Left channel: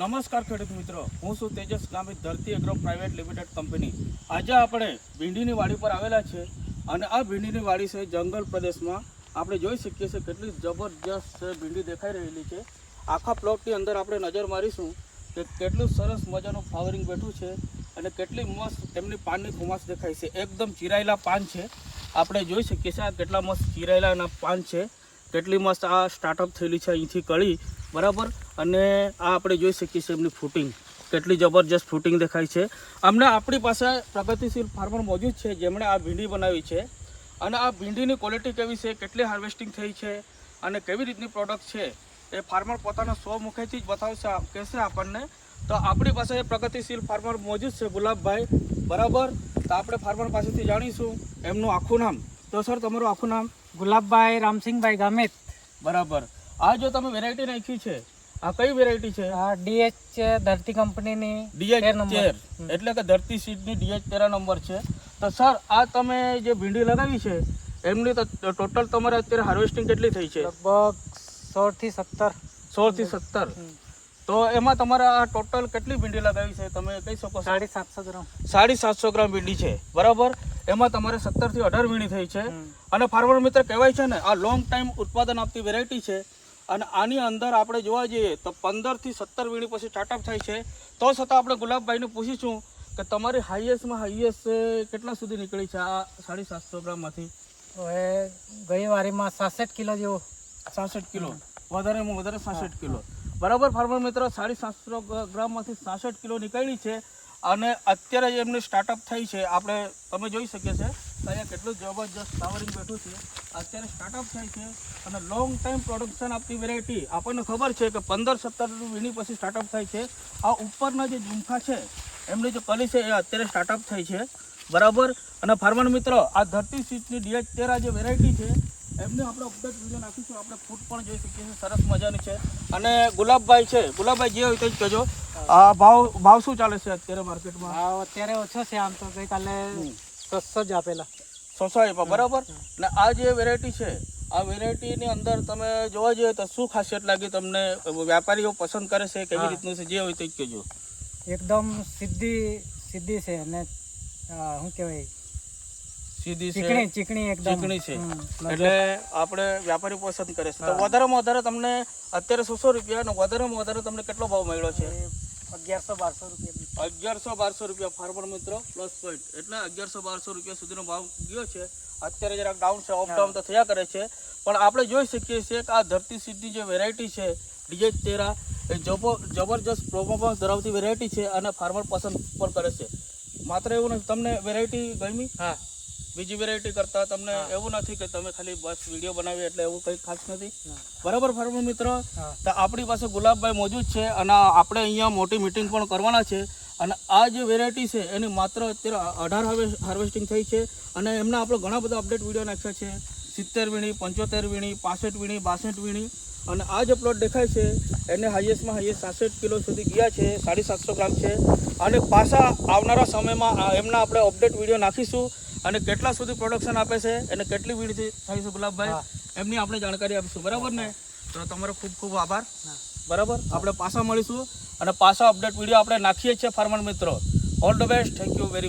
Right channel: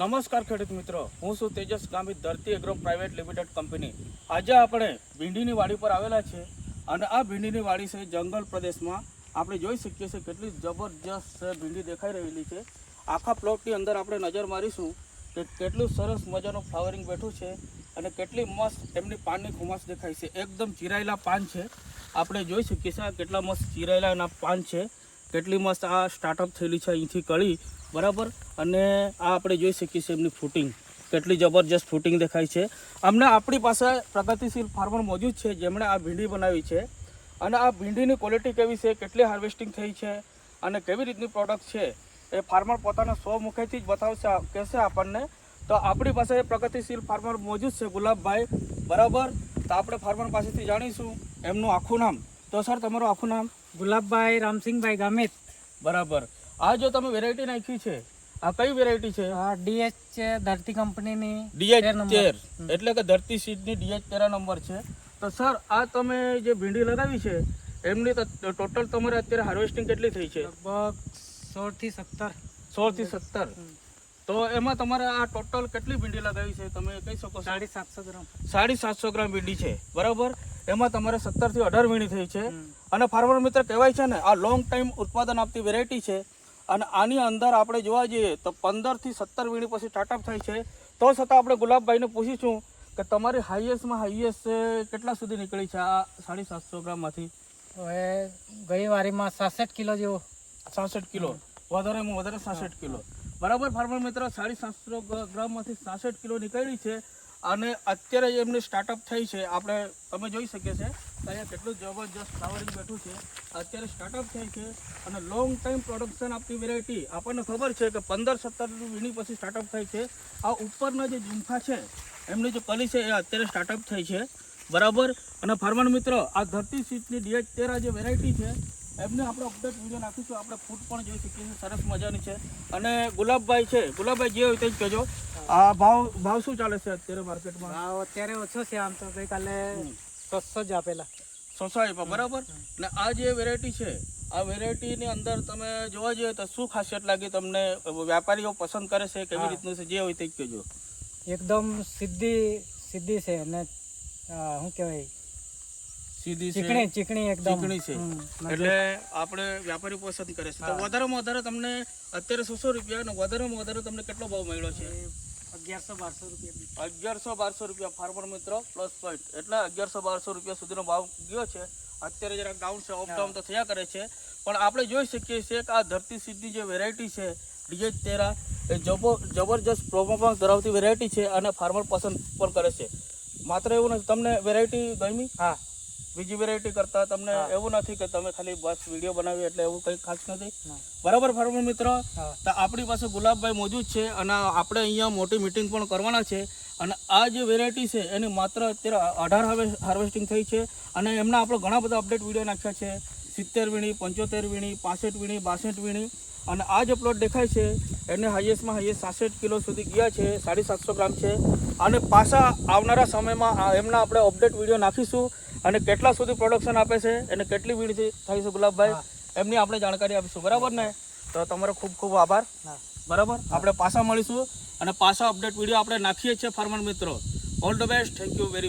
નમસ્કાર ખેડૂત મિત્રો, હું છું તેજસ ગામિત, ધરતી એગ્રો પ્રાઇવેટ લિમિટેડ કંપની. આજે આપણે ભીંડીની વાડી પર આવેલા છે અને આ ભીંડીની વાડી છે જંગલ પ્રદેશમાં. આપણે જોઈ શકીએ છીએ કેટલી જબરજસ્ત ભીંડી દેખાઈ રહેલી છે. આખા પ્લોટની અંદર આપણે નજર મારીશું કે કેટલું સરસ મજાનું ફ્લાવરિંગ બેઠું છે અને કેટલી મસ્ત એમની પાનની ખુમાશ દેખાય છે. એકદમ ચીરાયેલા પાન છે. આપણે જોઈ શકીએ છીએ આ કેટલા મસ્ત ચીરાયેલા એના પાન છે. કેટલી મસ્ત આ સ્ટાર્ટઅપ થયેલી છે અહીંથી કળી, બરાબર. અને આ આપણે જોઈ શકીએ છીએ એમની ફૂટિંગ, કેટલી જબરજસ્ત ફૂટિંગ દેખાય છે. અમને આપણી પાસે પ્રગતિશીલ ફાર્મર મોજૂદ છે જેમણે આ ભીંડી બનાવી છે અને આ ભીંડીની ક્વોલિટી કેવી છે, કેટલી હાર્વેસ્ટિંગ થઈ છે અને કેવી રીતની પ્રોડક્ટ છે એ ફાર્મર પોતાના સ્વમુખેથી જ બતાવશે, કહેશે આપણને. તો આપણી પાસે પ્રગતિશીલ ફાર્મર મોજૂદ છે ગુલાબભાઈ, બરાબર. તો આપણે ફાર્મર પાસેથી જાણીશું એમનું આખું નામ. તો સર, તમારું આખું નામ? ગુલાબભાઈ રામસિંહભાઈ ગામિત. બરાબર. આ જો તમે વેરાયટી નાખી છે, આ કઈ વેરાયટી છે? ડીએચ છે, ધરતી કંપનીની ડીએચ 13, એટલે કે ધરતી સીડની ડીએચ 13 નંબર છે. તો સર, આ તમે જે ભીંડી લગાવી છે એમની તો ટોટલ તમારે અત્યારે હાર્વેસ્ટિંગ કેટલી થઈ છે? લગભગ 16 થી 17. તો એમાં તમારે આ ટોટલ કેટલી ભીંડી લગાવી છે તમે કહી શકો? 750 ગ્રામ. 750 ગ્રામ ભીંડી છે, બરાબર. એમાં તમારે 17 થી 18 વીણી થઈ છે. અને ફાર્મર મિત્ર કહેવાય છે ને, આ લોંગ ટાઈમ ઉત્પાદન આપતી વેરાયટી છે. અને આની અંદર આપણે જોવા જઈએ તો 15 થી 17 વીણી પછી સ્ટાર્ટઅપ થાય છે. તો છતાં આપણે ગુલાબભાઈને પૂછીશું કે તમારી હાઈએસ્ટમાં હાઈએસ્ટ કેટલા સુધી નીકળી છે આ 750 ગ્રામમાંથી? હવે ગઈ વારીમાં 66 કિલો જેવો. 66 કિલો, વધારેમાં વધારે 66 કિલો, બરાબર. ફાર્મર મિત્રો 750 ગ્રામમાંથી 66 કિલો નીકળી છે અને અત્યારે એમની સ્ટાર્ટઅપ થઈ છે. આપણે તમે જોઈ શકીએ છે અહીંયા કેટલું જબરજસ્ત ફ્લાવરિંગ બેઠું છે. અત્યારે સ્ટાર્ટઅપ થાય છે અને લોંગ ટાઈમ પ્રોડક્શન આપતી વેરાયટી. આપણને ખબર છે કે 15-17 વીણી પછી સ્ટાર્ટઅપ થાય છે. આ ઉપરના જે ઝુમખા છે એમની જે કલી છે એ અત્યારે સ્ટાર્ટઅપ થઈ છે, બરાબર. અને ફાર્મર મિત્રો આ ધરતી સીડની ડીએચ 13 જે વેરાયટી છે એમને આપણે અપડેટ વિડીયો નાખીશું. આપણે ફૂટ પણ જોઈ શકીએ છીએ, સરસ મજાની છે. અને ગુલાબભાઈ છે, ગુલાબભાઈ જે હોય તે જ કહેજો. આ ભાવ શું ચાલે છે અત્યારે માર્કેટમાં? ભાવ અત્યારે ઓછો છે, આમ તો ગઈકાલે 600 જ આપેલા. 600 આપ્યા, બરાબર. અને આ જે વેરાયટી છે, આ વેરાયટીની અંદર તમે જોવા જઈએ તો શું ખાસિયત લાગી તમને? વ્યાપારીઓ પસંદ કરે છે, કેવી રીતનું છે, જે હોય તે જ કહેજો. એકદમ સીધી છે અને શું કહેવાય, સીધી છે, ચીકણી એકદમ ચીકણી છે. એટલે આપણે વ્યાપારી પસંદ કરે છે. તો વધારેમાં વધારે તમને અત્યારે 600 રૂપિયા અને વધારેમાં વધારે તમને કેટલો ભાવ મળ્યો છે? 1100-1200 રૂપિયા. 1100-1200 રૂપિયા ફાર્મર મિત્રો પ્લસ પોઈન્ટ, એટલે 1100-1200 રૂપિયા સુધીનો ભાવ ગયો છે. અત્યારે જરાક ડાઉન છે, અપ ડાઉન તો થયા કરે છે. પણ આપણે જોઈ શકીએ છીએ કે આ ધરતી સીડની જે વેરાયટી છે ડીએચ 13 એ જબરજસ્ત પરફોર્મન્સ ધરાવતી વેરાયટી છે અને ફાર્મર પસંદ પણ કરે છે. માત્ર એવું નથી, તમને વેરાયટી ગમી? હા. બીજી વેરાયટી કરતા તમને એવું નથી કે તમે ખાલી બસ વિડીયો બનાવી એટલે એવું કંઈ ખાસ નથી, બરાબર. ફાર્મર મિત્રો, તો આપણી પાસે ગુલાબભાઈ મોજૂદ છે અને આપણે અહીંયા મોટી મિટિંગ પણ કરવાના છે. અને આ જે વેરાયટી છે એની માત્ર અત્યારે 18 હાર્વેસ્ટિંગ થઈ છે અને એમના આપણે ઘણા બધા અપડેટ વિડીયો નાખ્યા છે. 70 વીણી, 75 વીણી, 65 વીણી, 62 વીણી. અને આ જે પ્લોટ દેખાય છે એને હાઈએસ્ટમાં હાઈએસ્ટ 66 કિલો સુધી ગયા છે, 750 ગ્રામ છે. અને પાછા આવનારા સમયમાં એમના આપણે અપડેટ વિડીયો નાખીશું અને કેટલા સુધી પ્રોડક્શન આપે છે અને કેટલી વીણી થાય છે ગુલાબભાઈ એમની આપણે જાણકારી આપીશું, બરાબર ને? તો તમારો ખૂબ ખૂબ આભાર, બરાબર. આપણે પાછા મળીશું અને પાછા અપડેટ વિડીયો આપણે નાખીએ છીએ ફાર્મર મિત્રો. All the best, thank you very much.